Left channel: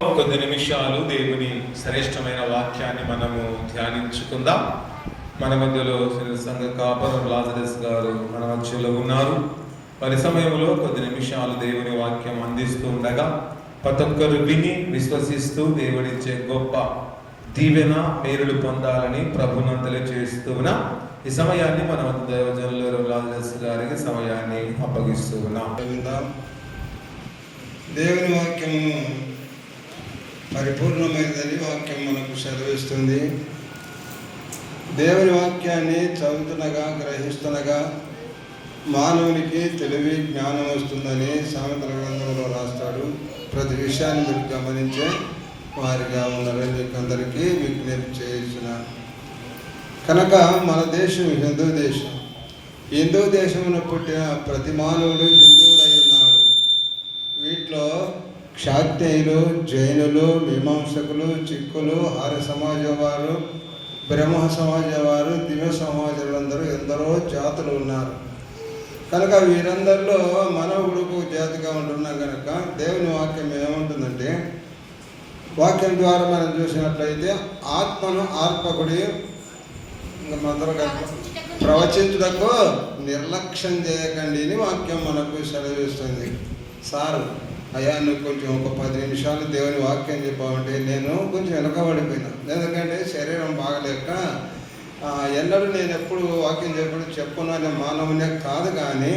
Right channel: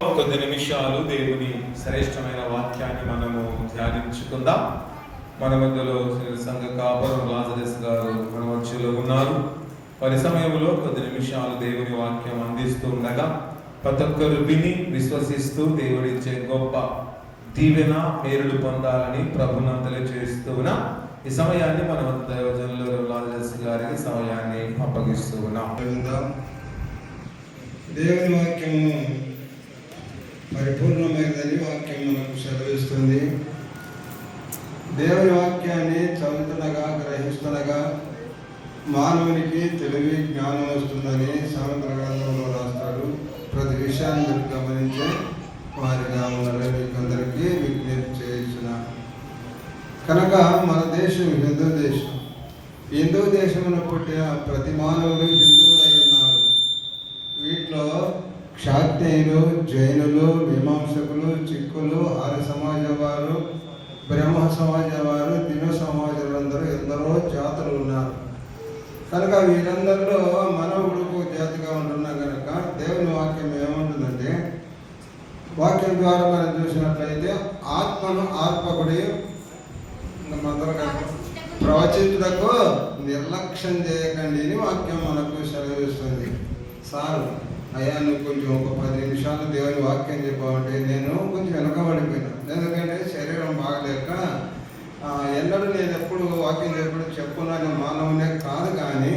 కొద్ది నిమిషాలు దేవుని శ్రేష్టమైన వాక్యాన్ని మనము ధ్యానించుకుందాం. మన మధ్యలో సంఘ కాపరం లాజరస్ గారు మన మధ్యలో ఉన్నారు. వారి సమయంలో కొద్ది నిమిషాలు దేవుని వాక్యం అందిస్తుండగా ప్రతి ఒక్కరు విని విశ్వసిస్తూ దేవుడిచ్చే గొప్ప దీవెన మేలులు పొందాలని ప్రభువును తెలియజేస్తున్నా. ఈ సమయాన్ని మన దైవజనులు లాజరస్ గారికి సమయాన్ని అప్పగిస్తూ ఉన్నాం. దేవుని వాక్యము పరిపూర్ణమైనదని వాక్యం మనకు సెలవిస్తుంది. దేవుని వాక్యాన్ని చదువుతుండగా గ్రహిస్తుండగా మానవునికి తెలివి జ్ఞానం వస్తుందని సామెతల గ్రంథంలో రాస్తాడు. ప్రతి విషయాన్ని మీరు గమనించే వారిగా ఉండాలని మీకు అందరికీ విజ్ఞప్తి చేసిన కనుక మన దేశం హిందూ దేశం. హిందూ దేశంలో పుట్టిన ప్రతి మానవుడు హిందువుడై ఉన్నాడు. వీటిలో క్షాత్రియులు, జైనులు, మీమాంసకులు, చిక్కులు, ఆర్య సమాజ వారు, బ్రహ్మ సమాజ వారు, దివ్య సమాజాలందరూ ఎందరో జాతులు ఉన్నారు. కనుక వీరందరిలో మనవుడు జాతిగా ఉంటున్నా కనుక దేవుని వాక్యం ఏముంటుందంటే, వాక్యం ద్వారా మనం చూసినట్లయితే ఆత్మను ఆర్పకుడి ప్రవచించుటకు నిర్లక్ష్యం చేయకండి అని వాక్యం మనకు సెలవిస్తుంది. సార్ అయ్యా నువ్వు కొంచెం ఒక 10 నిమిషాలు దేవుని వాక్యం చెప్పామంటే నేను కొంచెం వెనకబడిపోయినా. ఎందుకంటే శరీరం బాగలేక ఎన్నడూ నేను ఎప్పుడు వాక్యం చెప్పుకున్న మానవునే కాదు, కానీ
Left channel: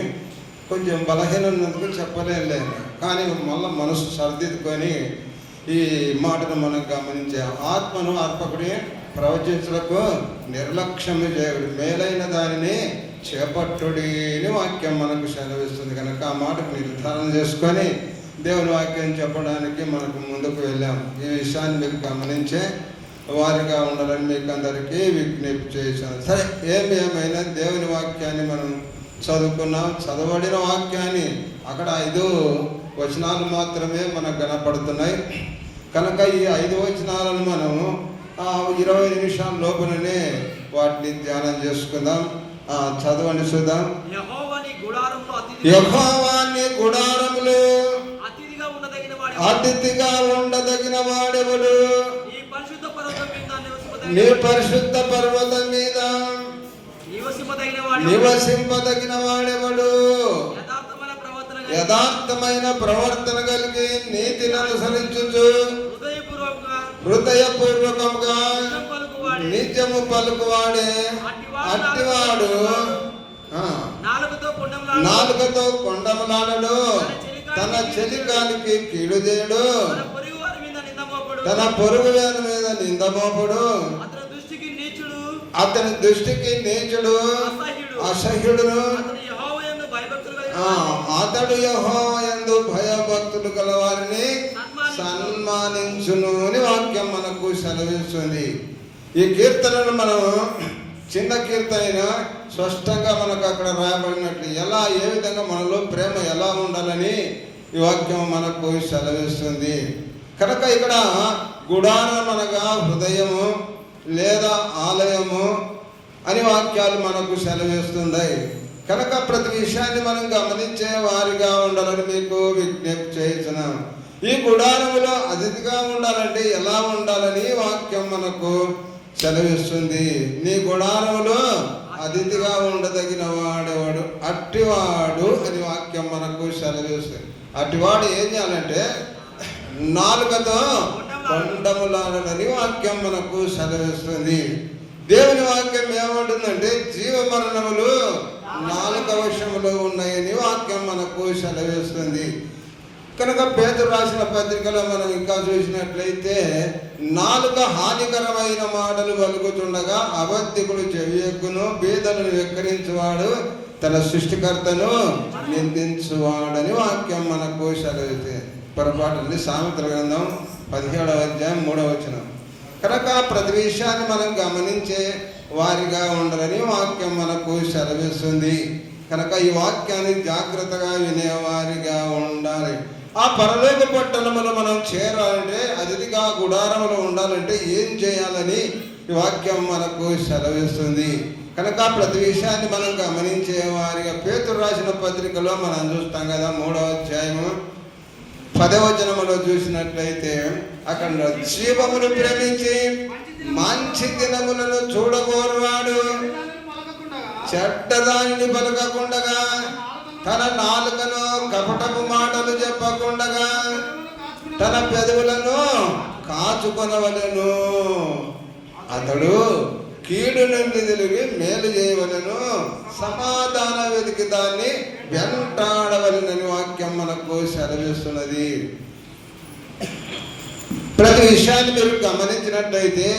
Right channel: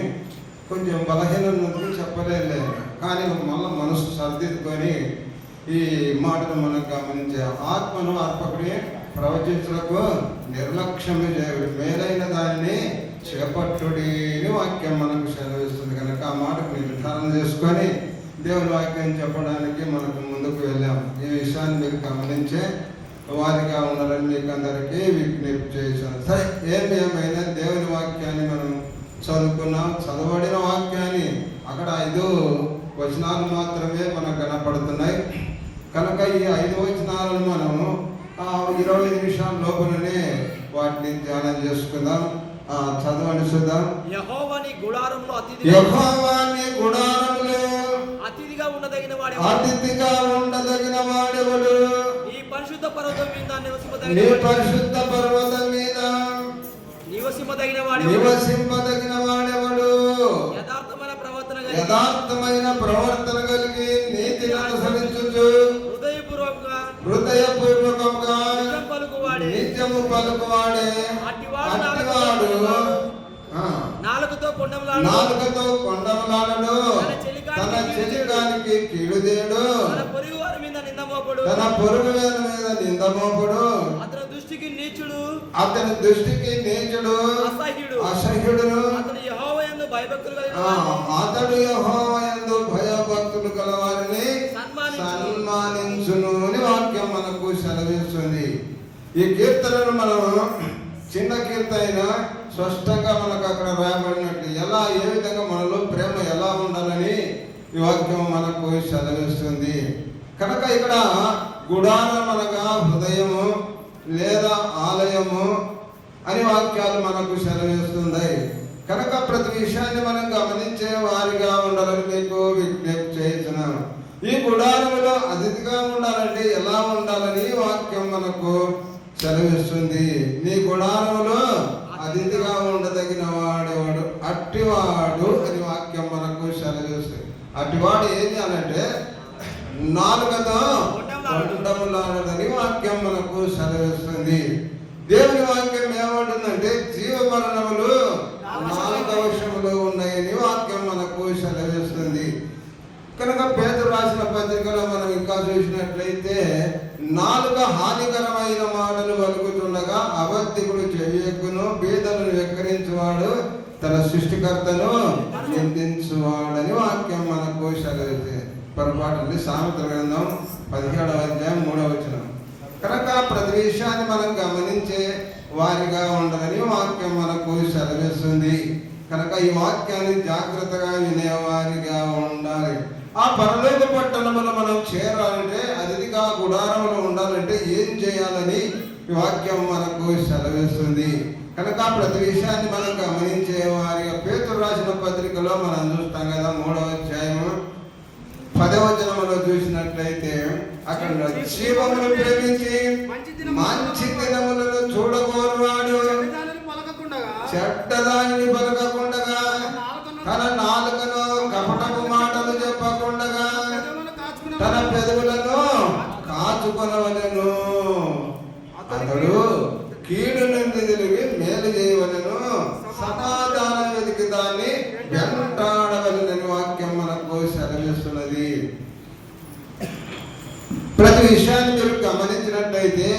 కొంచెం బలహీనందుకు చెప్పలేదు. కానీ మళ్ళీ మనసు సర్దిద్దుకొని ఈ మాటను మనం గమనించే ఆత్మను అర్పకుడి ప్రవచించులకు నిర్లక్ష్యము చేయడు, మేలైన దానిని చేపట్టుడి అని వాక్యం మనకు సెలవిస్తుంది. కనుక ఆ మాటకు నిర్ధారణ చేసుకొని దేవుని వాక్యం చెప్పడానికి మనకు ముందుకు వెళ్ళాం. ఈ విషయాన్ని మీకు గమనించే వారిగా ఉండాలని మీకు అందరికీ విజ్ఞప్తి చేశాను. సరే, ఏమైనా దేవుని వాక్యాన్ని మనం చదువుకున్నాం. చదవబడిన వాక్యాన్ని అక్కడ 5 వచనాలు మాత్రమే మనకు కనపడుతున్నాయి. కనుక ఈ 5 వచనాలను మనము 20 నిమిషాల లోపలనే వాటిని ధ్యానం చేసుకుందాం. చదవండి చూద్దాం. యెహోవాని గుడారములో అతిథిగా ఉండదగిన వాడెవడు? నీ పరిశుద్ధ పర్వతం మీద నివసింపదగిన వాడెవడు? యథార్థమైన ప్రవర్తన కలిగి నీతిని అనుసరించుచు హృదయపూర్వకంగా నిత్యము పలుకువాడే అట్టివాడు నాలుకతో కొండమలాడడు, తన చెలికానికి కీడు చేయడు, తన పొరుగు వారి మీద నిందమోపుడు, అతని దృష్టికి నీచుడు అసహ్యుడును, అతడు యెహోవా యందు భయభక్తులు గలవారిని సన్మానించును అని వాక్యం మనకు సెలవిస్తుంది. ఈ కీర్తనను మనం చిన్న కీర్తన స్పష్టంగా మనకు అక్కడ రాయబడినట్లు ఏ విధంగా మనలో ప్రేమ ఎలా ఉండాలని ఈ వాక్యం మనకు సెలవిస్తుంది. కనుక ఇక్కడ గుడారం అనగా హృదయము లేదా ఆలయము అని వాక్యాలు మనకు సెలవిస్తున్నాయి. కనుక ప్రతి విషయాన్ని మనం గమనించే వారిగా ఉండాలని మీకు విజ్ఞప్తి చేస్తున్నాను. ఈ గుడారములో అతిథిగా ఉండాలంటే ఎలా ఉండాలని వాక్యం మనకు సెలవిస్తుంది. నీ గుడారములో అతిథిగా ఉండదగిన వాడేవాడు అట్టివాడు అని వాక్యం మనకు సెలవిస్తుంది. అట్టివాడు ఏం చేయాలంటే నాలుకతో కొండములాడని వాక్యం మనకు సెలవిస్తుంది. దేవుని వాక్యం ఏమంటుందంటే జీవ మరణములు నాలుక వశములో ఉన్నాయని వాక్యం మనకు సెలవిస్తుంది. కనుక పేతురు రాసిన పత్రికలో మనం ఇంకా చూసినట్లయితే నాలుక హానికరమైన మాటలు పలుకుతుండగా అబద్ధికుడు చెవియెక్కును, బీదలను వెక్కిరించువాడు తన సృష్టికర్తను నిందించువాడని వాక్యం మనకు సెలవిస్తుంది. పొరపాటు సామెతల గ్రంథం 17వ అధ్యాయం 3వ వచనం. కనుక ప్రతి విషయాన్ని మనం గమనించే వారిగా ఉండాలని వాక్యం మనకు సెలవిస్తుంది. కనుక ఈ వాక్యాన్ని జాగ్రత్తగా వినేవారిగా ఉండాలి. ఆ పరలోక పట్టణములో మనం చేరాలంటే అతిథిగా గుడారములో ఉండాలంటే ఏం చేయాలని ఈ వాక్యం మనకు సెలవిస్తుంది. కనుక ప్రతి విషయాన్ని మనం గమనించే వారిగా పేతురు రాసిన పత్రికలో మనం చూస్తాం కదా 3వ అధ్యాయము 10వ వచనములో చూసినట్లయితే అక్కడ జీవమును ప్రేమించి మంచి దినములను చూడగోరువాడు చెడ్డదానిని పలకకుండగా తన నాలుకను కపటపు మాటలు చెప్పకుండగా తన పెదవులను కాచుకొనవలెను. అతడు కీడు నుండి తిరిగి మేలు చేయవలెను, సమాధానం వెతికి దాన్ని వెంటాడవలెనని వాక్యం మనకు సెలవిస్తున్నది. ప్రతి విషయాన్ని మీరు గమనించినట్లయితే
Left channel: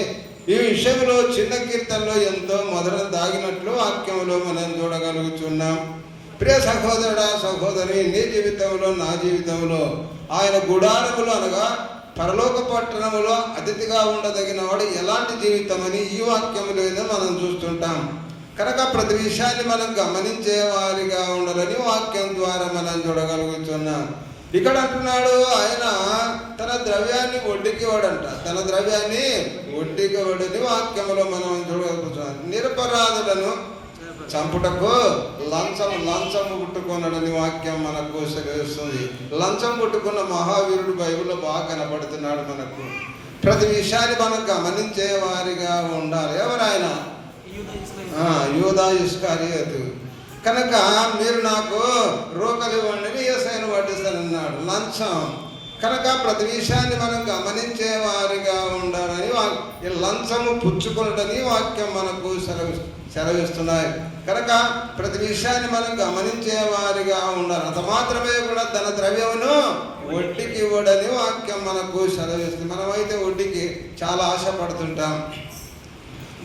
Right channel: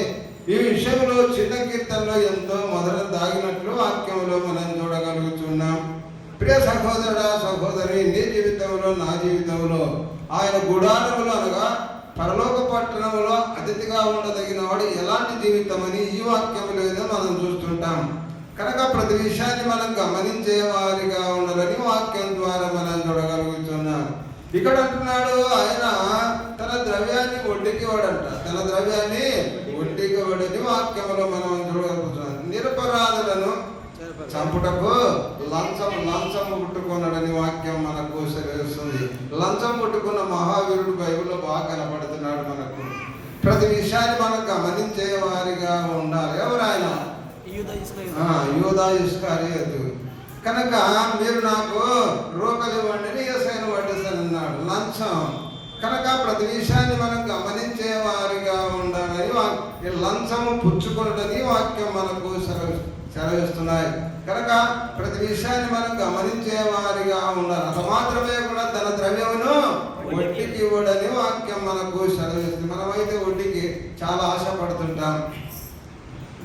ఈ విషయంలో చిన్న కీర్తనలో ఎంతో మొదలు దాగినట్లు వాక్యంలో మనం చూడగలుగుతున్నాం. ప్రియ సహోదరుడా సహోదరి, నీ జీవితంలో నా జీవితంలో ఆయన గుడారములు అనగా పరలోక పట్టణములో అతిథిగా ఉండదగిన వాడు ఎలాంటి జీవితం అని ఈ వాక్యములో మనం చూస్తుంటాం. కనుక ప్రతి విషయాన్ని మనం గమనించే వారిగా ఉండాలని వాక్యం ద్వారా మనం చూడగలుగుతున్నాం. ఇక్కడ అంటున్నాడు ఆయన తన ద్రవ్యాన్ని వడ్డీకి వాడంట, తన ద్రవ్యాన్ని వడ్డీకి వాడని వాక్యంలో మనం చూడగలుగుతున్నాం. నిరపరాధులను చంపుటకు లంచం పుట్టుకున్నాడని వాక్యం మనకు సెలవిస్తుంది. లంచం పుట్టుకున్న మహావీరుడు బైబిల్లో బాగా కనపడుతున్నాడు మనకు. ప్రతి విషయాన్ని మనం గమనించే వారిగా ఉండాలి. ఎవరైనా యూదా ఇస్కరియోతు. కనుక మీరు నాకు రూకలు ఇవ్వండి యేసయ్యను వడ్డిస్తానన్నాడు. లంచం. కనుక ప్రతి విషయాన్ని మనం గమనించే వారిగా ఉండాలని లంచము పుచ్చుకున్నదని వాక్యం మనకు సెలవిస్తున్నాయి. కనుక ప్రతి విషయాన్ని మనం గమనించే వారిగా ఉండాలి. అంత మాత్రమే కూడా తన ద్రవ్యమును వడ్డీకి ఇవ్వడని వాక్యం మనకు సెలవిస్తుంది. మనమైతే వడ్డీకి చాలా ఆశపడుతుంటాం.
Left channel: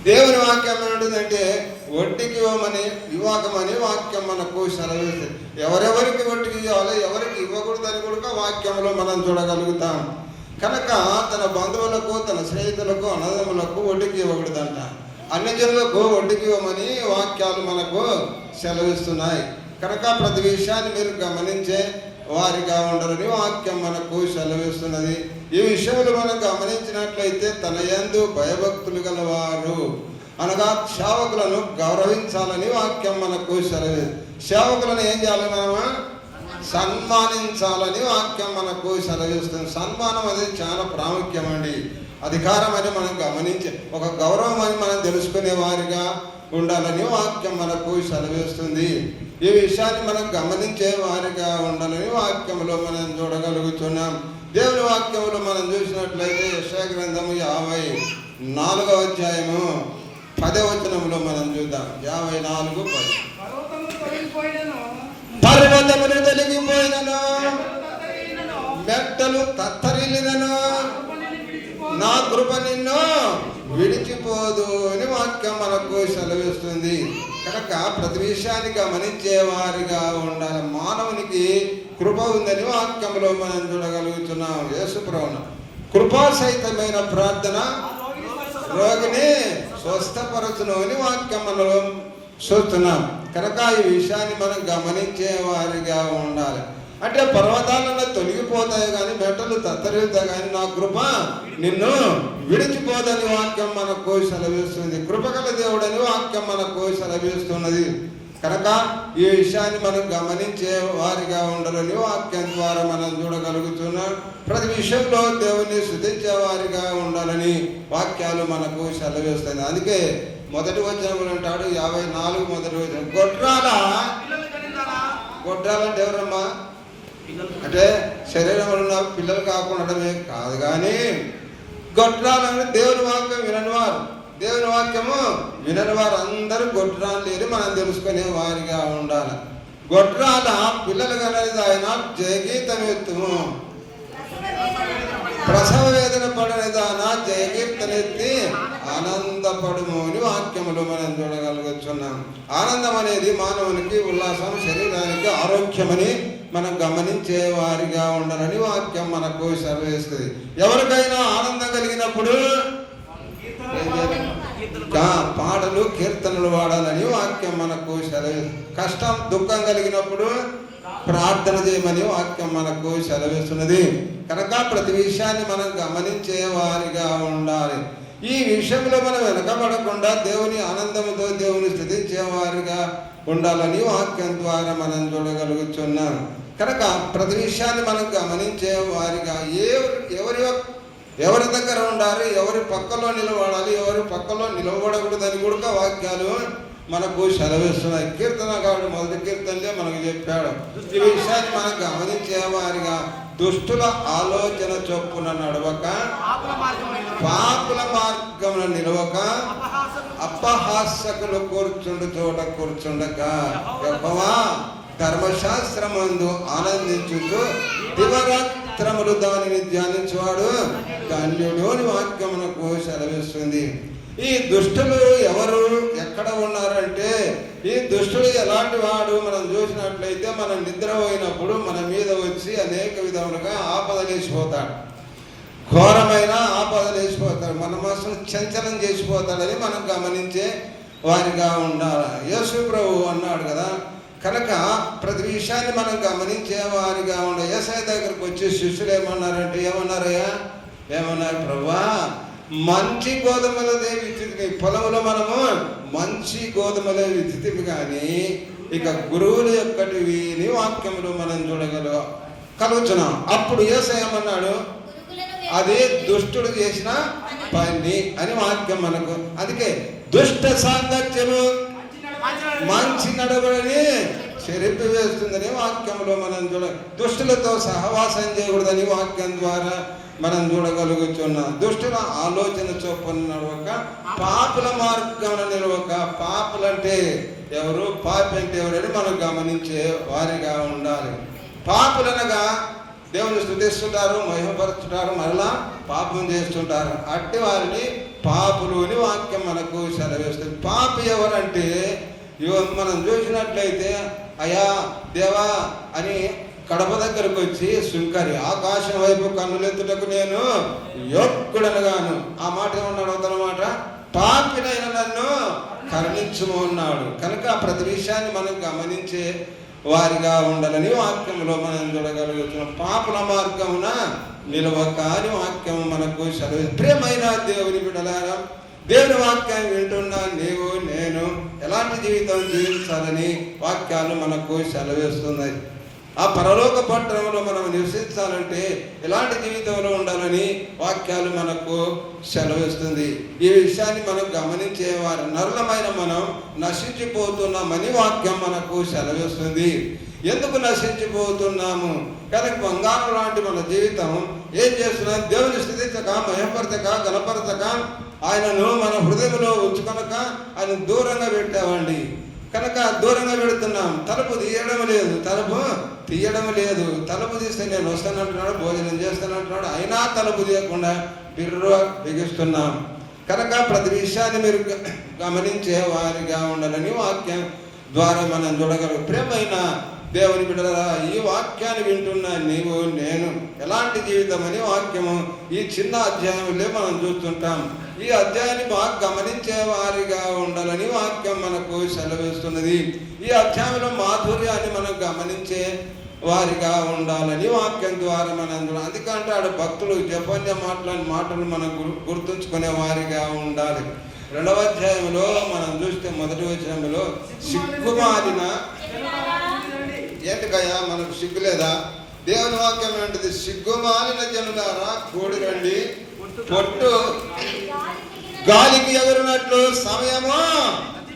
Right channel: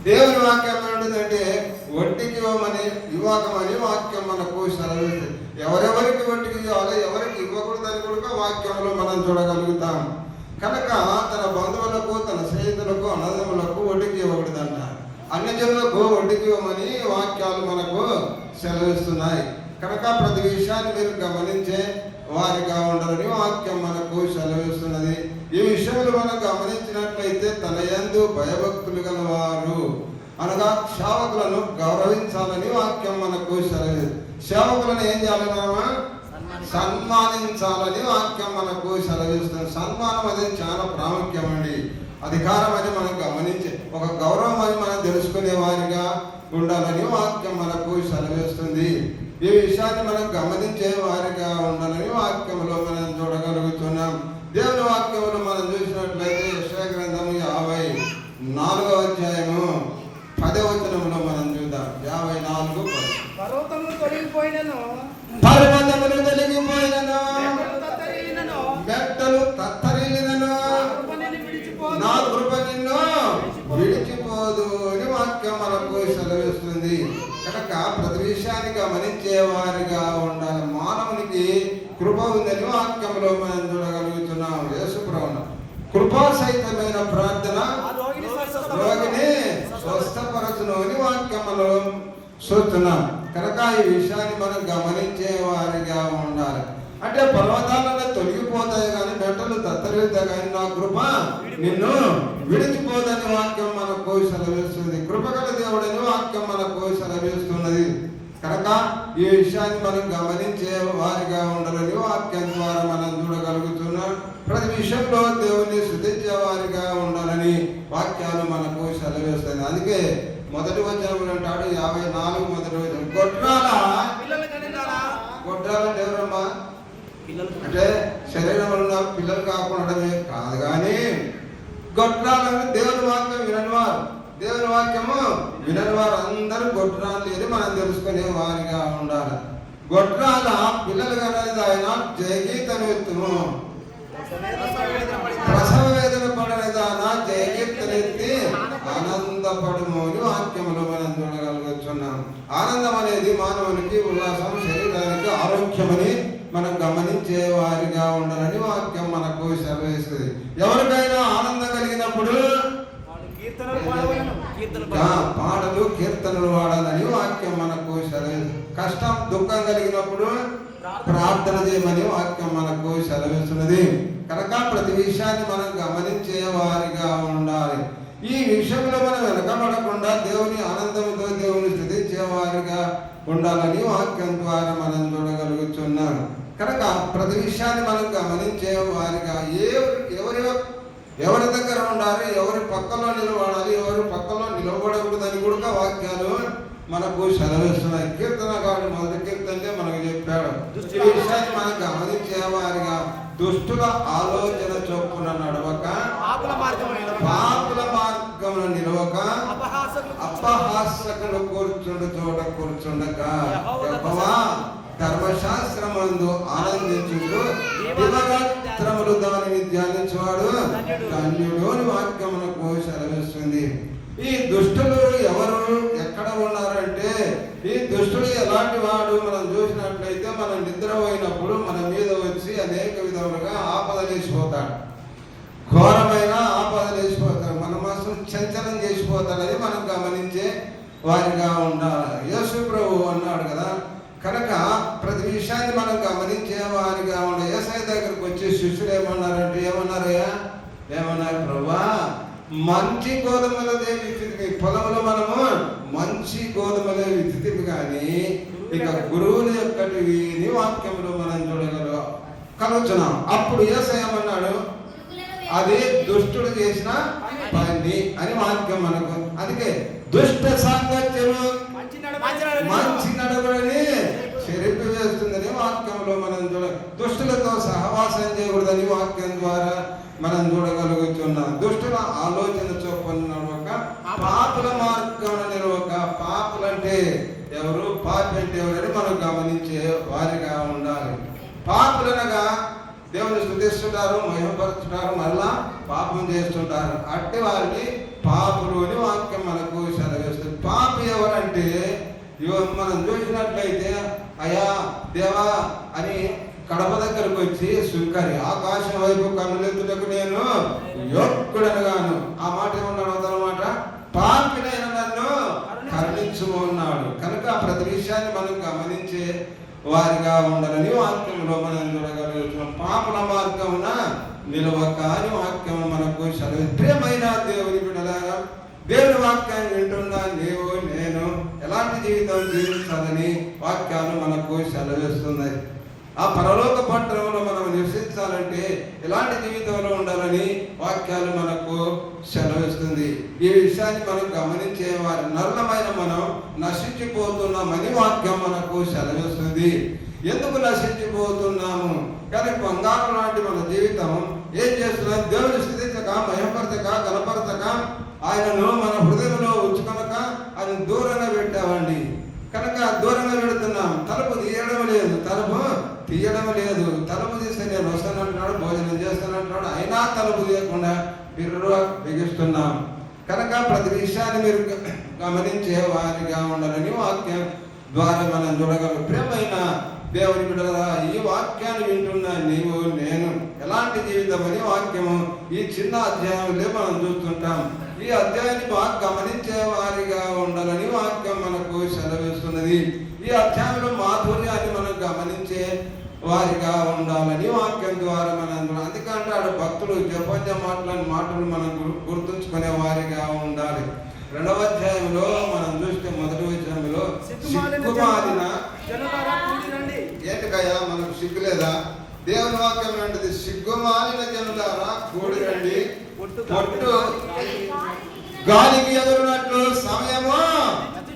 దేవుని వాక్యం ఏమంటుందంటే వడ్డీకి ఇవ్వకమని వాక్యం మనకు సెలవిస్తుంది. ఎవరెవరికి వడ్డీకి ఇవ్వాలో ఎవరికి ఇవ్వకూడదని కూడా వాక్యంలో మనం చూడగలుగుతాం. కనుక తన బంధువులకు తన స్నేహితులకు అన్నదమ్ములకు వడ్డీకి ఇవ్వకూడదంట. అన్ని జనులకు వడ్డీకి ఇవ్వమని వాక్యాలు మనకు సెలవిస్తున్నాయి. కనుక ప్రతి విషయాన్ని మీరు గమనించే వారిగా ఉండాలని వాక్యం మనకు సెలవిస్తున్నది. ఈ విషయంలో మనం గమనించినట్లయితే తన యందు భయభక్తులు గలవారు అనగా సేవకులను గౌరవించాలని వాక్యం మనకు సేవకులను ఏం చేయాలి? మనము సన్మానించాలని వాక్యం మనకు సెలవిస్తుంది. సన్మానం అనేది చాలా ప్రాముఖ్యం అండి. అధికారం అని మనం గమనించి ఒక గౌరవం అని మనం తెలుసుకునే వారిగా ఉండాలని వాక్యం మనకు సెలవిస్తుంది. ఈ విషయాన్ని మనం గమనించే వారిగా ఉండాలని వాక్యంలో మనం చూడగలుగుతున్నాం. దేవుని వాక్యంలో మనం చూసినట్లయితే యెషయా గ్రంథము 54వ అధ్యాయము 10వ వచనంలో మనం చూద్దాం. 54:10. పర్వతములు తొలగిపోయినను, మెట్టలు తత్తరిల్లినను, నా కృప నిన్ను విడిచిపోదు అని వాక్యం మనకు సెలవిస్తుంది. కనుక ప్రతి విషయాన్ని గమనించే వారిగా ఉండాలి. మానవునికి కృప ఉందని వాక్యంలో మనం చూడగలుగుతున్నాం. యేసుప్రభువు కృపాసహితమైన ప్రార్థన రోగిని స్వస్థపరచును అని వాక్యం మనం చూస్తున్నాం. కనుక ఈ విషయాన్ని మనం గమనించే వారిగా ఉండాలి. అంటే పర్వతాలను తొలగిపోతాయి కానీ మెట్టలు తత్తరిల్లుతాయి కానీ నా కృప నిన్ను విడిచిపోదని వాక్యం మనకు సెలవిస్తుంది. కృపగల దేవుడని వాక్యం మనకు సెలవిస్తున్నది. కనుక ఈ విషయాన్ని మనం గమనించే వారిగా ఉండాలని వాక్యం ద్వారా మనం చూడగలుగుతున్నాం. ప్రతి విషయంలో దేవుని స్తుతించే వారిగా ఉండాలని వాక్యాలు మనకు సెలవిస్తాయి. అందుకే మొదటి వచనంలో అంటాడు 54 మొదటి వచనం, గొడ్రాల దేవుడమ్మా అంటే శరీరంలో ఉన్న పిల్లలు కాకుండా కాదు కానీ గొడ్రాలని దేవుని వాక్యం విననివారు, దేవుని వాక్యము విననివారు అందరూ గొడ్రాలు లేని మనం తెలుసుకునే వారిగా ఉండాలి. గొడ్రాల పిల్లలు కనేది ఆయన జయగీతం ఎత్తుము, ప్రసవ వేదన పడేదాన జయగీతనెత్తి ఆనందపడము అని వాక్యములు మనం చూడగలుగుతున్నాం. ఆనందం అనేది మానవునికి ఉల్లాసం, శరీరానికి ఆరోగ్యమని మనం గమనించే వారిగా ఉండాలని వాక్యం మనకు సెలవిస్తుంది. ఎవరికైనా ఆనందం కలిగినప్పుడు పాటలు కీర్తనలు వాడాలని వాక్యం మనకు సెలవిస్తుంది. కష్టం దుఃఖం కలిగినప్పుడు ప్రార్థన చేయమని వాక్యం మనకు సెలవిస్తున్నది. కనుక ప్రతి విషయాన్ని మనం గమనించే వారిగా ఉండాలి. ఈ విషయంలో మనం వెనకబడకుండా దేవుని ఆనందంతో దేవుని స్తుతించే వారిగా ఉండాలని వాక్యం ద్వారా మనం చూడగలుగుతున్నాం. కనుక ప్రతి విషయాన్ని మనం గమనించే వారిగా ఎవరి ఎవరి దగ్గర ఉండాలి, ఎవరి పక్కలో నిలబడాలి, ఎవరి పక్కలో నిలబడకూడదని కూడా వాక్యాలు మనకు సెలవిస్తున్నాయి. కీర్తనకారుడు మొదటి కీర్తనలే మనకు చెప్పాడు. ఈ విషయాన్ని మనం గమనించే వారిగా దుష్టుల ఆలోచన చొప్పున నడవక, పాపుల మార్గమున నిలవక, అపహాస్యకులు కూర్చుండు చోట కూర్చుండక, యెహోవా ధర్మశాస్త్రమందు ఆనందించుతూ దివరాత్రములు దానిని ధ్యానించువాడు ధన్యుడు అని వాక్యమునకు సెలవిస్తుంది. ఈ దుష్టులు ఎవరు, ఎక్కడ ఉన్నారంటే, ఈ దుష్టుడు ఎలాంటి వాడు మనం చూసినట్లయితే, మనం నిద్రపోయినప్పుడు మన మీద వచ్చి అనేక విధములుగా ఆపదలేసిపోతాడు. ఘోరమైన ఆపదలేసిపోతాడు. మన మనసును చంచలం చేసిపోతాడని మనం గమనించే వారిగా ఉండాలి. యేసు ప్రభువు అన్నాడు కదా, కనుక ప్రతి విషయాన్ని మనం గమనించే వారిగా ఉండాలి. యేసయ్య దగ్గరికి వచ్చి శిష్యులు ఏమన్నారంటే, ఏమన్నారు ప్రభువా, మంచి గోధుమలదే విత్తితివి, పొలంలో మనము మంచి గోధుమలే విత్తితివి కానీ ఇక గురువులు యొక్కటివి అని వాక్యములు మనం కలుగుతున్నాం. అప్పుడు యేసయ్య ఏమన్నాడు, అది దుష్టుడు చేసిన పని అని వాక్యం మనకు. అందుకే దుష్ట సాంగత్యము మంచి నడవడని చెరిపి వేస్తుందని వాక్యంలో మనం దుష్టులతో సహవాసం చేయకూడదని వాక్యం ద్వారా మనం చూడగలుగుతున్నాం. దుష్టుల ఆలోచన చొప్పున నడవక, పాపుల మార్గంలో నిలవక. పాపులంటే ఎవరు, పాపి అంటే ఎవరని మనం గమనించే వారిగా ఉండాలి. పాపులనగా దేవుని స్తుతిస్తుంటారు, మహిమపరుచుంటారు, మరలా పాపం చేస్తుంటారు. అట్టి వారిని పాపులు అని వాక్యం మనకు సెలవిస్తుంది. పాపి ఎవరంటే, మనం చూసినట్లయితే అయా దేవా అని కడప దగ్గరకు వచ్చి సుంకరి ఆకాశం వైపు కన్నులెత్తుటకు నేను యోగ్యుడనగాను, ఆ మాట ఏమన్నాడు అతనమాట, పాపినైన నన్ను కరుణించుము అన్నాడు. కనుక ప్రతి విషయాన్ని మనం గమనించే వారిగా ఉండాలని వాక్యంలో మనం చూడగలుగుతున్నాం. పాపుల మార్గమున నిలవక అని వాక్యం మనకు సెలవు. ప్రియమైన దేవుని బిడ్డలారా, దేవుని వాక్యాన్ని వింటున్నా నీవు నేను ఎలాంటి జీవితం జీవించాలని వాక్యాలు మనకు సెలవిస్తున్నాయి. ఆ పరలోక పట్టణంలో మనం నివసించాలంటే ఎలాంటి జీవితంలో ఉండాలని వాక్యాలు మనకు సెలవిస్తుంది. ఈ విషయాన్ని మనం గమనించే వారి నరులమైన మనం నశించిపోతున్నామని వాక్యం మనకు సెలవిస్తుంది. ఎందుకు నశించిపోతున్నాము? కనుక బంగారు లాంటి మన జీవితం ఏం చేస్తున్నాం? దేవుని స్థితించక, మహిమపరచక, గణపరచక, ఆయనను మన హృదయంలో ఉంచుకొనక ఆయన దూరంగా పెట్టామండి. కనుక దూరంగా పెడుతున్నాం. తలుపు తీయడం లేదు, తలుపు తీస్తే నేను వస్తానంటున్నాడు, భోజనం చేస్తానంటున్నాడు, అయినా తలుపు తీయకుండా బిగిస్తున్నాం. కనుక ప్రతి విషయాన్ని మీరు గమనించే వారిగా ఉండాలని వాక్యం ద్వారా మనం చూడగలం. ప్రియమైన దేవుని బిడ్డలారా, ఈ వాక్యాన్ని వింటున్నా నీవు నేను ఎలాంటి జీవితం అని వాక్యము ఈ చిన్న అధ్యాయంలో మనం చూస్తుంటాం. ఈ అధ్యాయాన్ని బాగా గమనించే వారిగా ఉండాలని వాక్యం మనకు సెలవిస్తున్నది. ఈ అధ్యాయంలో మాధుర్యాన్ని మనం గమనించే వారిగా ఉండాలని వాక్యం ద్వారా మనం అందుకంటే ఆడ భక్తులు జపంజ మాటలని మాటలు మనం గుర్తుంచుకునే వారిగా ఉండాలి. 2వ అధ్యాయంలో మనం చూస్తే మొదటి వచనంలో సిగ్గుమాలిన, ఏంటికయ్యా మనకు సిగ్గు లేదా? దేవుని వాక్యం ఏంటిది? సిగ్గుమాలిన జనులారా కూడి రండి, పొట్టు గాలికి ఎగురినట్లు సమయము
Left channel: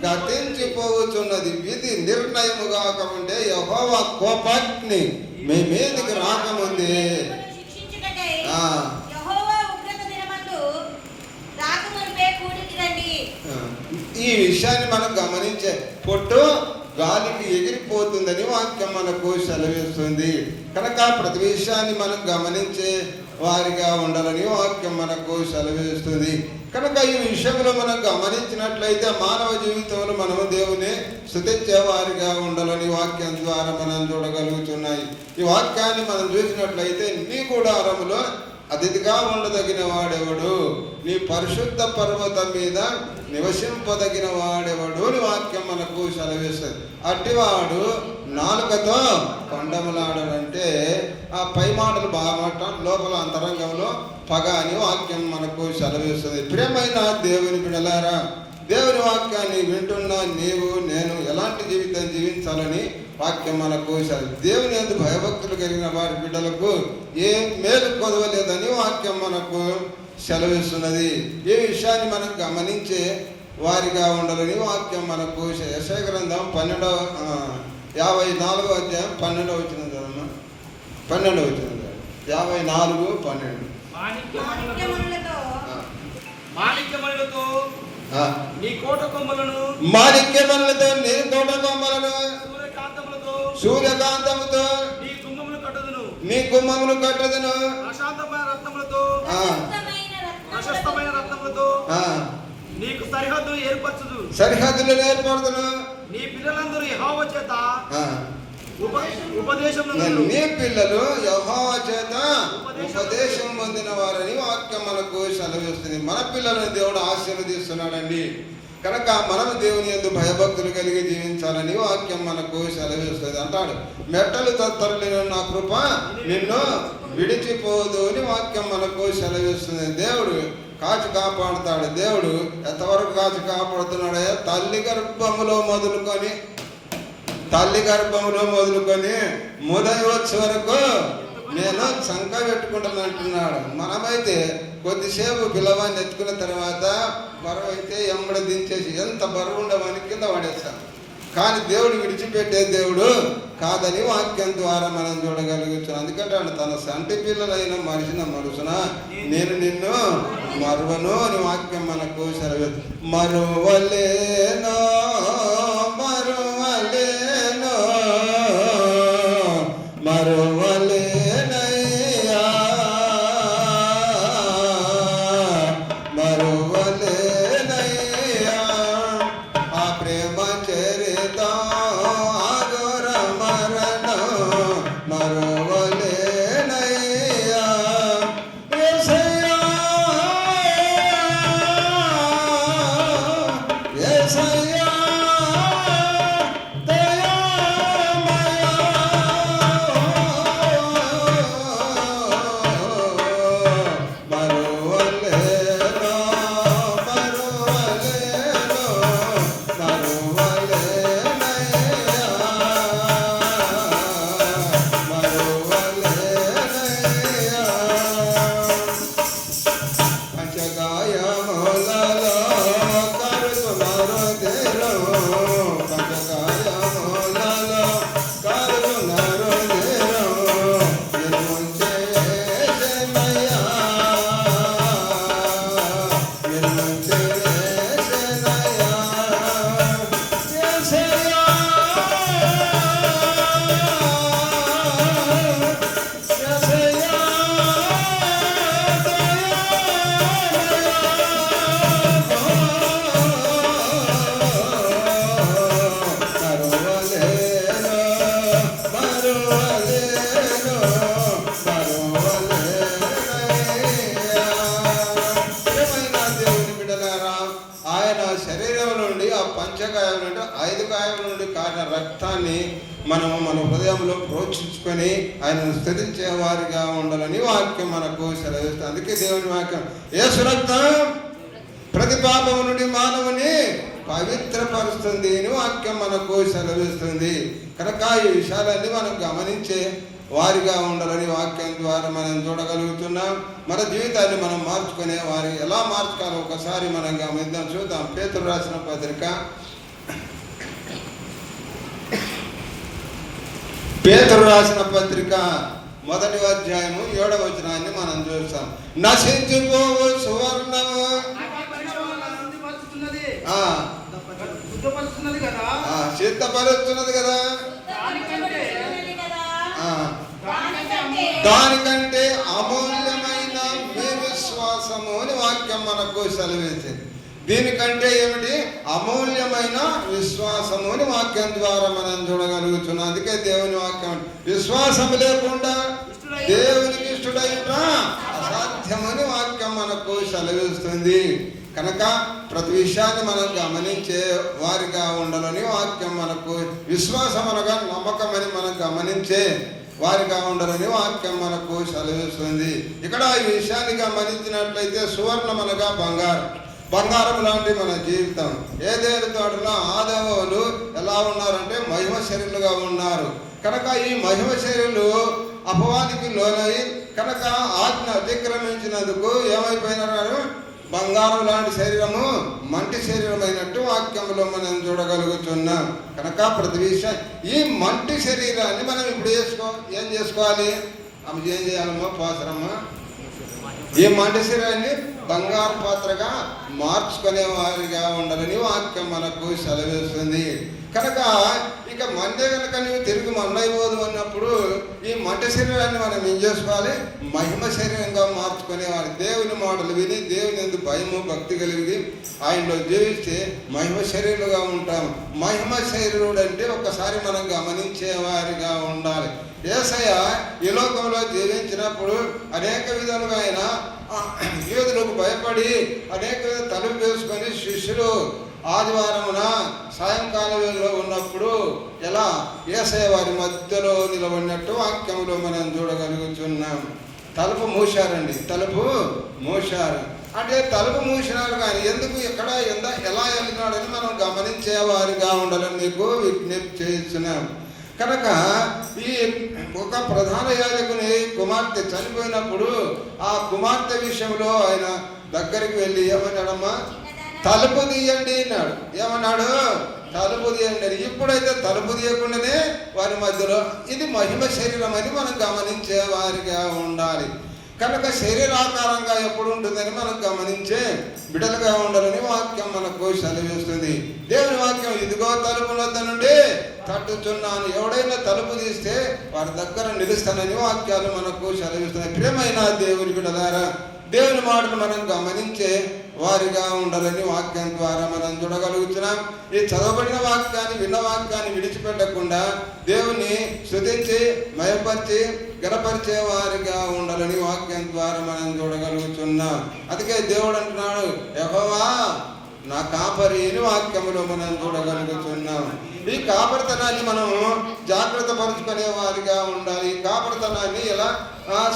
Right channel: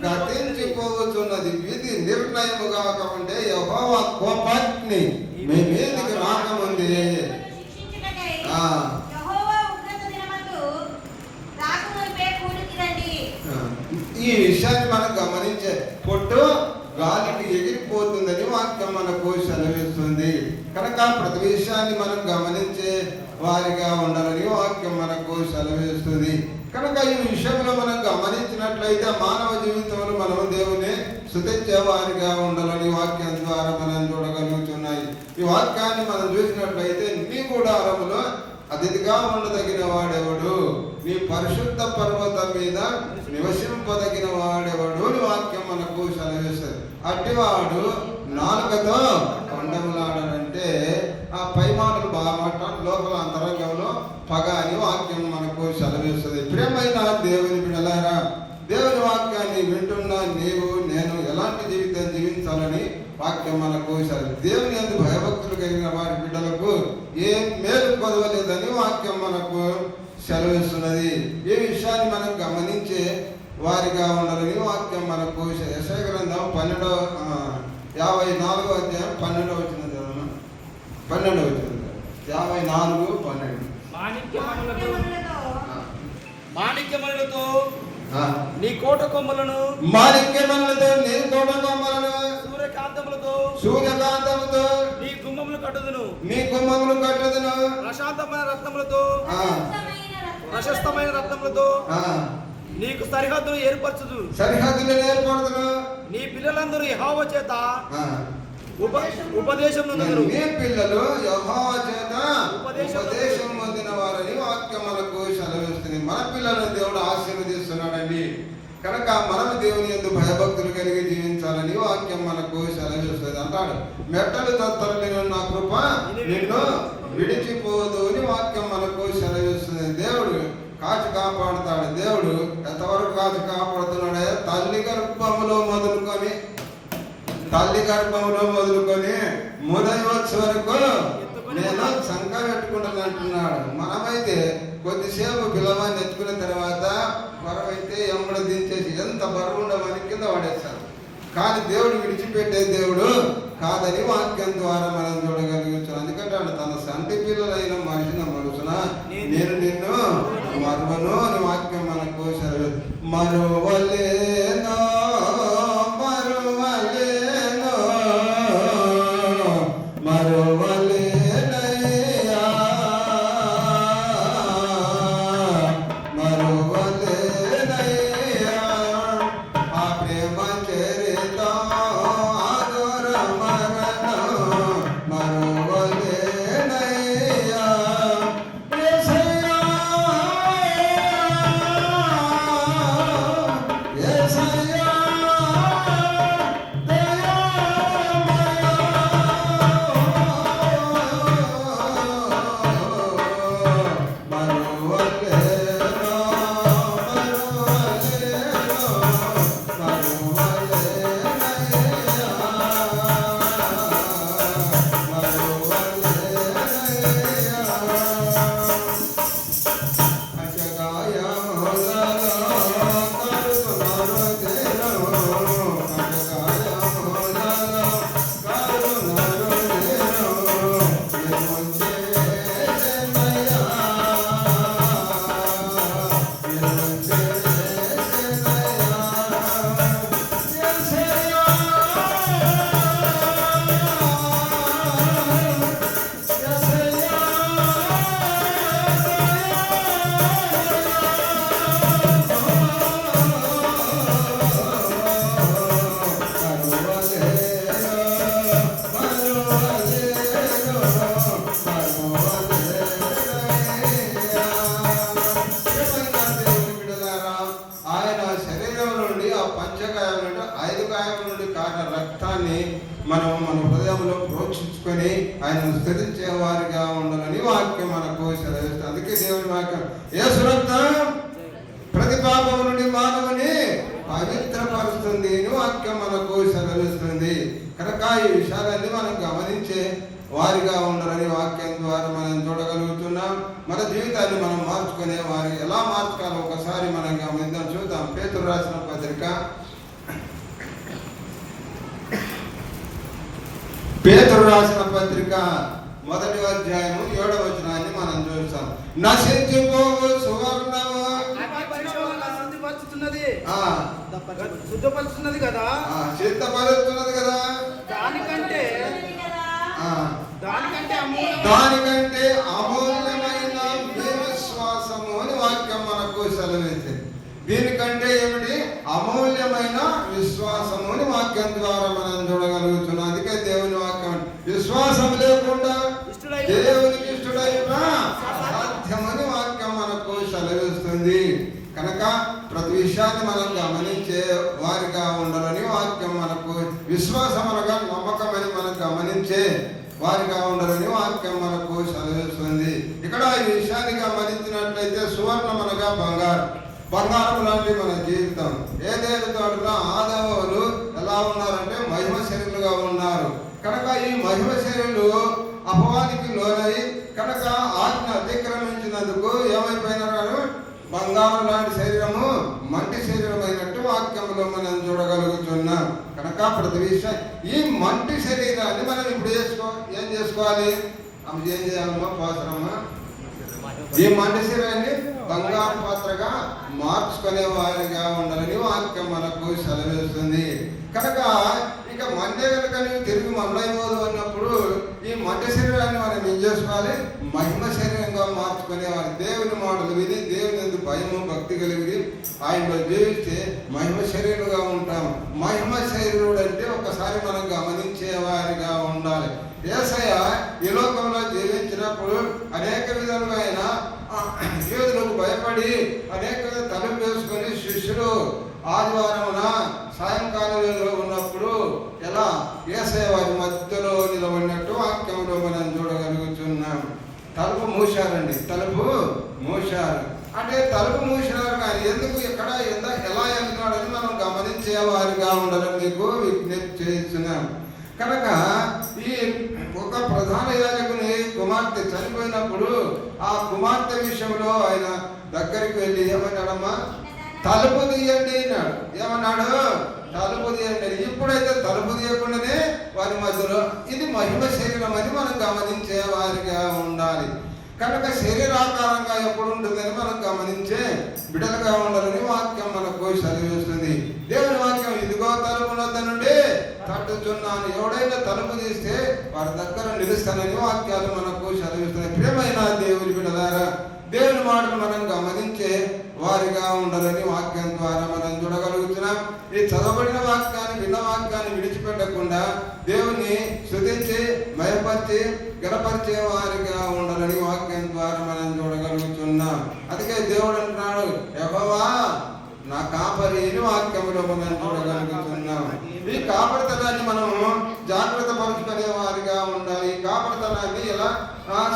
గతించిపోతున్నది, విధి నిర్ణయము కాకముందే యెహోవా కోపాగ్ని మీ మీదికి రాకముందే. ఈ విషయాన్ని మనం గమనించే, పొట్టు గాలికి ఎగిరిపోతుందని వాక్యం మనకు సెలవిస్తుంది. కనుక ప్రతి విషయాన్ని మనం గమనించే వారిగా ఉండాలని వాక్యం మనకు సెలవిస్తుంది. కనుక ఈ విషయంలో మనం గమనించినట్లయితే మానవ జీవితంలో మనం దేవుని స్తుతించే వారిగా ఉండాలని వాక్యం ద్వారా మనం చూడగలుగుతున్నాయి. ఈ వాక్యాన్ని మనం చూసినట్లయితే నీ గుడారములో అతిథిగా ఉండదగిన వాడెవడు, నీ పరిశుద్ధ పర్వతం మీద నివసింపదగిన వాడెవడు అని వాక్యం మనకు సెలవిస్తుంది. అట్టివాడు నాలుకతో పండములాడనంటే ఆ పై మాటలు బాగా మాట్లాడు, లోపల అంతరంగంలో పగ అని వాక్యం మనకు సెలవిస్తుంది. ప్రియమైన దేవుని బిడ్డలారా, దేవుని వాక్యాన్ని వింటున్నా నీవు నేను ఎలాంటి జీవితం జీవించాలని వాక్యం మనకు దేవుని యందు భయభక్తులు కలిగిన వారి బిడ్డలకు ఏ మేలు కొదవలేదని వాక్యం మనకు సెలవిస్తున్నది. ఈ విషయాన్ని మనం గమనించే వారిగా ఉండాలని వాక్యం మనకు యెషయా గ్రంథం 54వ అధ్యాయం 12వ వచనం చదవమా. 12వ వచనం 54:12. మాణిక్యమణులతో నీ కోట కొమ్ములను మాణిక్యమణులతో నీ కోట కొమ్మలను సూర్యకాంతముతో నీ గుమ్మములు కట్టుదును. నీ గుమ్మములు కట్టుదును. ప్రశాంతమైన రత్నములతో నీకు సరిహద్దులు ఏర్పరచుదు. సరిహద్దులు ఏర్పడుదును. నీ పిల్లలందరూ యెహోవా చేత ఉపదేశమును నీ పిల్లలు యెహోవా చేత ఉపదేశం పొందిన వారని వాక్యం మనకు సెలవిస్తుంది. మన పిల్లలను దేవుడు ఆశీర్వదిస్తున్నాడండి. కనుక మనం దేవుని యందు భయభక్తులు కలిగి జీవించాలని వాక్యం మనకు సెలవిస్తుంది. అంటాడు, మెట్టలు తత్తరలేని నా కృప నిన్ను విడిచిపోదు అని వాక్యం మనకు సెలవిస్తుంది. దేవుడు కాచి కాపాడుతాడు. దేవుడు ఎంతవరకు కాచి కాపాడుతున్నాడే, తల్లి గర్భములో మొదలుకొని ముదయవచ్చు వరకు నేను శంక పెట్టుకుంటాను అంటున్నాడు. మనమైతే కొద్దిసేపు పిల్లవాడిని ఎత్తుకున్న తర్వాత బరువు అయితే ఎంబడ దించేసి ఎంత బరువు ఉండవని కింద పడేశారు. కానీ దేవుడు విడిచిపెట్టే దేవుడు కాదని వాక్యం ద్వారా మనం చూడగలుగుతాం. అందుకంటే తన సంటి పిల్లలైన మనుషున నేను నిన్ను మరువను అని వాక్యం మనకు సెలవు. మరువలేనో మరువలేనయ్యా మరువలేనయ్యా ఆ ప్రేమ చరిత ఆదర మరణ మరువలేనయ్యా యేసయ్యా యేసయ్యా ప్రోక్షించుకొని ఆయన స్తుతించే వారిగా ఉండాలని వాక్యం మనకు సెలవిస్తుంది. అందుకే దేవుని వాక్యం యేసు రక్తం ప్రతి పాపము నుండి మానవుని పవిత్రపరుస్తుంది అని వాక్యం మనకు సెలవిస్తుంది. కనుక ఈ విషయాలన్నీ మనం గమనించే వారిగా ఉండాలని వాక్యం ద్వారా మనం చూడగలుగుతున్నాం. మన జీవితాన్ని మనం మార్చుకునే వారి ఎలా మార్చుకోవాలో ఒకసారి మనం గమనిద్దాం. చూద్దాం. పేతురు రాసిన పత్రిక మొదటి అధ్యాయము 7వ వచనాన్ని మనం చూస్తాం. నశించిపోవు సువర్ణము సిద్ధపరుస్తున్నది కదా, దానికంటే అమూల్యమైన మీ విశ్వాసము అని వాక్యం మనకు సెలవిస్తుంది. దీనికంటే ఏమిటి? అమూల్యమైన విశ్వాసము అని వాక్యం ద్వారా మనం చూడగలుగుతున్నాం. అందుకే దేవుని వాక్యం విశ్వాసం లేకుండా దేవునికి ఇష్టడైన అసాధ్యమని వాక్యం మనకు సెలవిస్తుంది. కనుక ప్రతి విషయాన్ని మనం గమనించే వారిగా ఉండాలని వాక్యం మనకు విశ్వాసం అనగా నమ్మకం అని మనం గమనించే వారిగా ఉండాలని వాక్యం మనకు సెలవిస్తుంది. ఇక్కడ ఈ విషయాన్ని గమనించినట్లయితే సువర్ణం అనగా బంగారం లాంటి మన జీవితం. ఏదేడు తోటలో ఆదావులు ఎలా ఉన్నారంటే మహిమ శరీరులుగా ఉన్నారు. కనుక ఈ మహిమ శరీరులు అపవాదికి లోనై కనుక ఆజ్ఞ అతిక్రమించినందుకు ఏమైపోయింది? అయిపోయినారు, బంగారం లాంటి శరీరము మంటి శరీరం అయినట్టు వాక్యంలో మనం చూడగలుగుతున్నాం. కనుక ప్రతి విషయం ఈ మంటి శరీరాన్ని మనం ఇప్పుడు ఏం చేసుకోవాలి? అవి ఏం చేయాలమ్మా? పాత్రమ్మా, ఈ మంటి శరీరాన్ని బంగారు పాత్రగా మార్చుకునే వారిగా ఉండాలని వాక్యం మనకు సెలవిస్తుంది. కనుక ఇక మండే కనుక నువ్వు తిరిగి మండైపోదు అన్నప్పుడు ఈ మంట శరీరాన్ని మనం ఏం చేసుకోవాలి? మహిమ శరీరంగా మార్చుకునేవారు. దేవుని మాటలు విని దేవుని ఎందుకు భయము భక్తి కలిగి ఆయనలో జీవిస్తే మహిమ శరీరులుగా ఉంటాము. మహిమ శరీరుడు అంటే ఒక్కసారి మనం గమనించేవారిగా ఉండాలి. యేసయ్య ఈ లోకంలో జీవించినప్పుడు అనేక విధాలుగా ఆయన యూదులకు భయపడి అనేక తలుపు వేసుకొని శిష్యులు ఆదివారమున సాయంకాల వేళలో ఉన్నప్పుడు ఎలా యేసయ్య వారి మధ్యలో నిలబడినట్టు వాక్యంలో మనం చూడగలుగుతున్నాం. తలుపు మూశారండి, తలుపు మూశారు అంటే తలుపు మూసినారు కానీ ఎందుకు ఎక్కడ ఎలా వెళ్తున్నాడని మనం గమనించేవారిగా ఉండాలని మీకు విజ్ఞప్తి చేస్తున్నాను. కనుక ఈ ఒక ప్రధాన యాజకుని కుమార్తె చనిపోయినప్పుడు ఆ కుమార్తె విషయంలో ఆయన దగ్గరికి వెళ్ళి ఏమన్నాడమ్మా? తలుపు తీయండి అన్నాడు. ఏమన్నాడు? తలుపు తీయండి. ఇప్పుడైతే తలుపు తీయకుండానే వారి మధ్యలో ఇది మహిమ శరీరం అని మనం గమనించే వారిగా ఉండాలి. కనుక శరీరాకారంగా ఎప్పుడు ఉంటుందని మనం గమనించే బిడలుగా ఉండాలని వాక్యం మనకు సెలవిస్తుంది. దేవుని వాక్యం ఇదిగో తలుపు వద్ద నుండి తట్టుచున్నాను, ఎవడైనా తలుపు తీస్తే వారి దగ్గర నిలుస్తానని వాక్యాలు మనకు సెలవిస్తున్నాయి. ప్రియమైన దేవుని బిడ్డలారా, దేవుని మాటను మనం గమనించే వారిగా ఉండాలని వాక్యం ద్వారా మనం చూడగలుగుతున్నాం. ఈ చదవబడిన వాక్యాన్ని విన్న వాక్యాన్ని విడిచిపెట్టకుండా దేవుని స్తుతించి మయపరిచి గణపరిచే వారిగా ఉండాలని వాక్యం ద్వారా మనం చూడగలుగుతున్నాం. అందుకే దేవుడు అంటున్నాడు, యెహోవా నా కాపరిని వాక్యంలో మనం చూడగలుగుతున్నాం. ఈ కాపరితనాన్ని మనము జాగ్రత్త పరుచుకునే వారిగా ఉండాలి. ఈ కాపరితనాన్ని ఎలా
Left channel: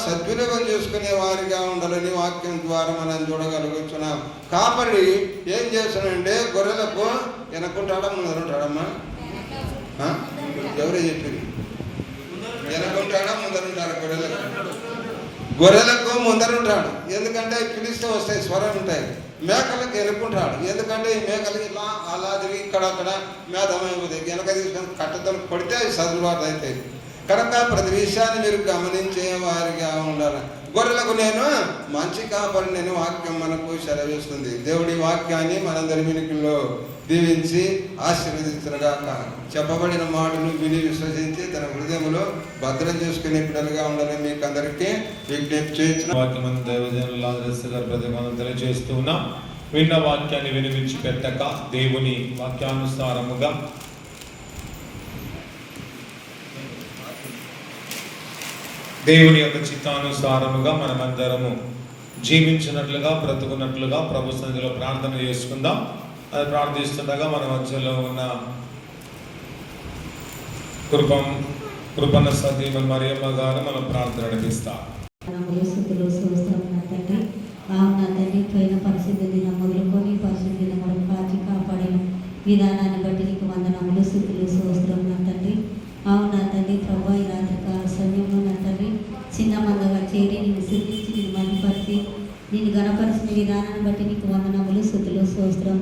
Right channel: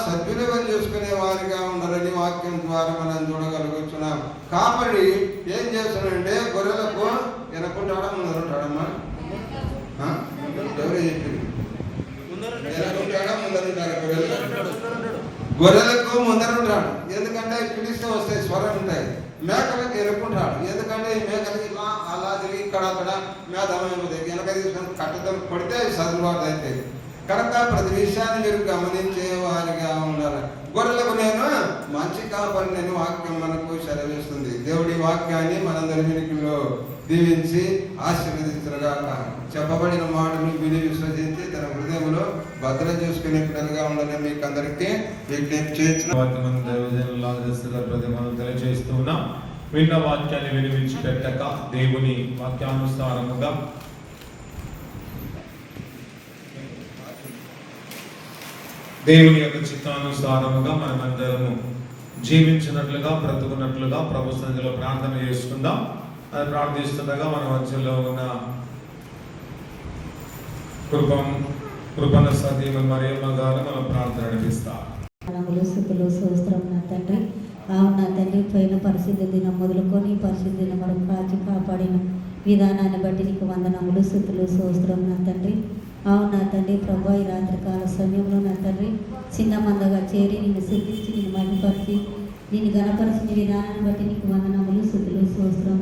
సద్వినియోగం చేసుకునే వారిగా ఉండాలని వాక్యం ద్వారా మనం చూడగలుగుతున్నాం. కాపరి ఏం చేస్తున్నాడంటే గొర్రెలకు వెనకుంటాడా ముందరుంటాడమ్మా? ఎవరే చెప్పింది? వెనకుంటాడా ముందరుంటాడా? గొర్రెలకు ముందరుంటాడు, ఎందుకంటే పిలిస్తే వస్తాయి, స్వరం ఉంటాయి. మేకలకు ఎరుకుంటాడు, ఎందుకంటే ఈ మేకలు ఇలా అలా తిరిగి ఇక్కడ అక్కడ మేధమైపోతాయి. వెనక తీసుకొని కట్టతలు కొడితే అవి సదుబాటు అవుతాయి. కనుక ప్రతి విషయాన్ని మీరు గమనించే వారిగా ఉండాలి. గొర్రెలకు నేను మంచి కాపరిని వాక్యం మనకు సెలవిస్తుంది. దేవుడి వాక్యాన్ని మనందరి వినికిలో దీవించి ఆశీర్వదించగా చెప్పబడిన మాటలు విని విశ్వసించి తన హృదయంలో భద్రం చేసుకునే పిల్లలుగా ఉండాలని మీకు అందరికీ విజ్ఞప్తి చేసిన వాక్యం తెలియజేస్తున్నాం. విన్న వాక్యాన్ని వినిపించి పెట్టక దేవుని వాక్యానుసారముగా దేవుని యొక్క చిత్తానుసారముగా మనమందరము జీవించినట్లుగా బ్రతుకున్నట్లుగా ప్రభు సన్నిధిలో ప్రార్థన చేసుకుందాం. అది ప్రార్థిస్తుండగా మన మధ్యలో ఉన్న కృపణ సతీమ మరియమ్మ గారు మనం ప్రార్థన నడిపిస్తాం. పోయిన పరిస్థితి దినం మొదలుకొని పరిస్థితి దినం వరకు కాచి కాపాడిన విధానాన్ని బట్టి నీకు వందనములు, స్తుతులు, స్తోత్రం నా తండ్రి. అవునా తండ్రి, ప్రభు ఈ రాత్రికాల సమయంలో నా తండ్రి చిన్న మందగా చేరి నిన్ను సిద్ధించి నిన్ను మహిమపరిచి నేను గణపరిచిన విధానాన్ని బట్టి నీకు వందనములు, స్తుతులు, స్తోత్రం